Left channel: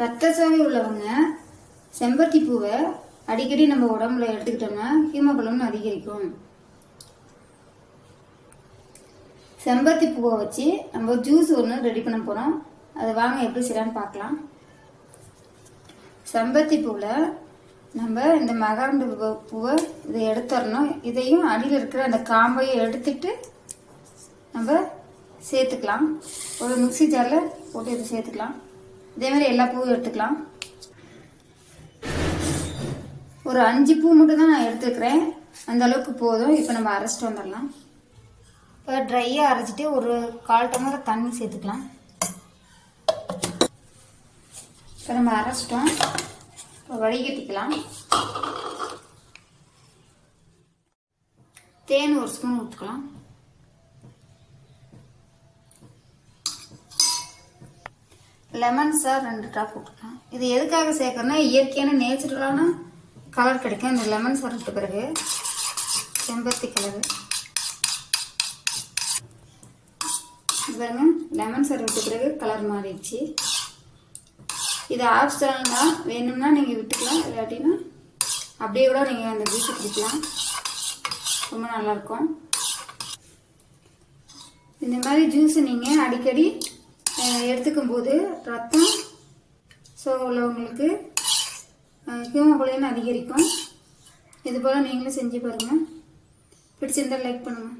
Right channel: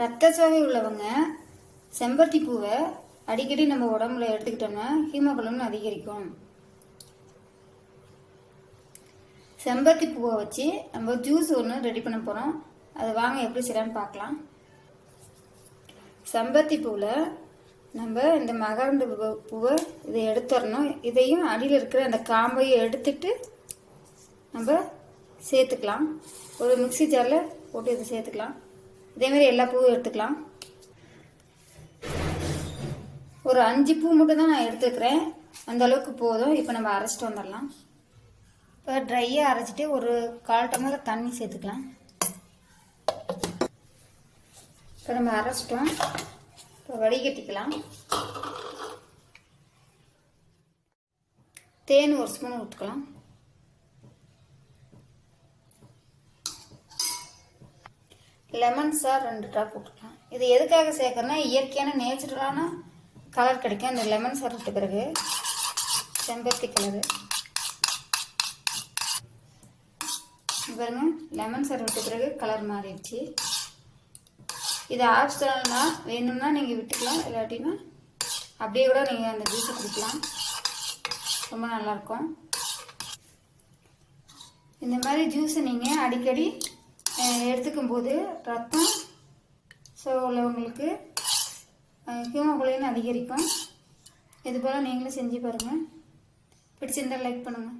ரத்த சோகை உள்ளவங்க செம்பருத்தி பூவை அடிக்கடி நம்ம உடம்புல எடுத்துக்கிட்டோம்னா ஹீமோகுளோன் அதிகரிக்கும். செம்பருத்தி பூவை வச்சு நம்ம ஜூஸ் ஒன்று ரெடி பண்ண போகிறோம் அதை வாங்க எப்படி செய்யலான்னு பார்க்கலாம். செம்பருத்தி பூவில் நம்ம இந்த மகரந்த பூ- பூவை இதை எடுத்துடணும். இதையும் அடியில் இருக்கிற அந்த காம்பையும் எடுத்துட்டு நம்ம சேர்த்துக்கலாம். ஒரு மிக்ஸி ஜாரில் போட்டு இதை சேர்த்துக்கலாம். இதே மாதிரி எல்லா பூவும் எடுத்துக்கலாம். ஒரு அஞ்சு பூ மட்டும் தான் நான் எடுத்துக்கிறேன் அந்த அளவுக்கு போதும். இப்போ நம்ம அரைச்சிட்டு வந்துடலாம். இப்போ ட்ரையாக அரைச்சிட்டு ஒரு கால் டம்ளர் தண்ணி சேர்த்துக்கலாம். இப்போ நம்ம அரைச்சிட்டோம். இப்போ வடிகட்டிக்கலாம். தேன் ஒரு ஸ்பூன் ஊற்றுக்கலாம் லெமன் சார் ரெண்டு ட்ராப் போட்டுக்கலாம். இது எதுக்காக சேர்க்கறோம்னா இயற்கையான நேச்சுரலான கலர் கிடைக்கும். இந்த லெமன் சார் விட்ட பிறகு. செம்பருத்தி கலரு பாருங்க லெமன் சார் விட்ட பிறகு கலர் மாறிடுச்சு. இது ஆப்ஷனல் தான் வேணும்னா நீங்கள் விட்டுக்கலாம். இல்லாட்டினா அப்படியே கூட நீங்கள் அந்த ஜூஸ் குடிக்கலாம். ரொம்ப நல்லாயிருக்கும் இந்த மாதிரி ஜூஸை நீங்கள் அடிக்கடி எடுத்துக்கும் போது ரத்தம் ஸோ உள்ளவங்களுக்கு ஹியூமோகுளோபின் அதிகரிக்கும். இது போல் நீங்களும் செஞ்சு பாருங்கள் பிடிச்சிருந்தால் லைக் பண்ணுங்கள்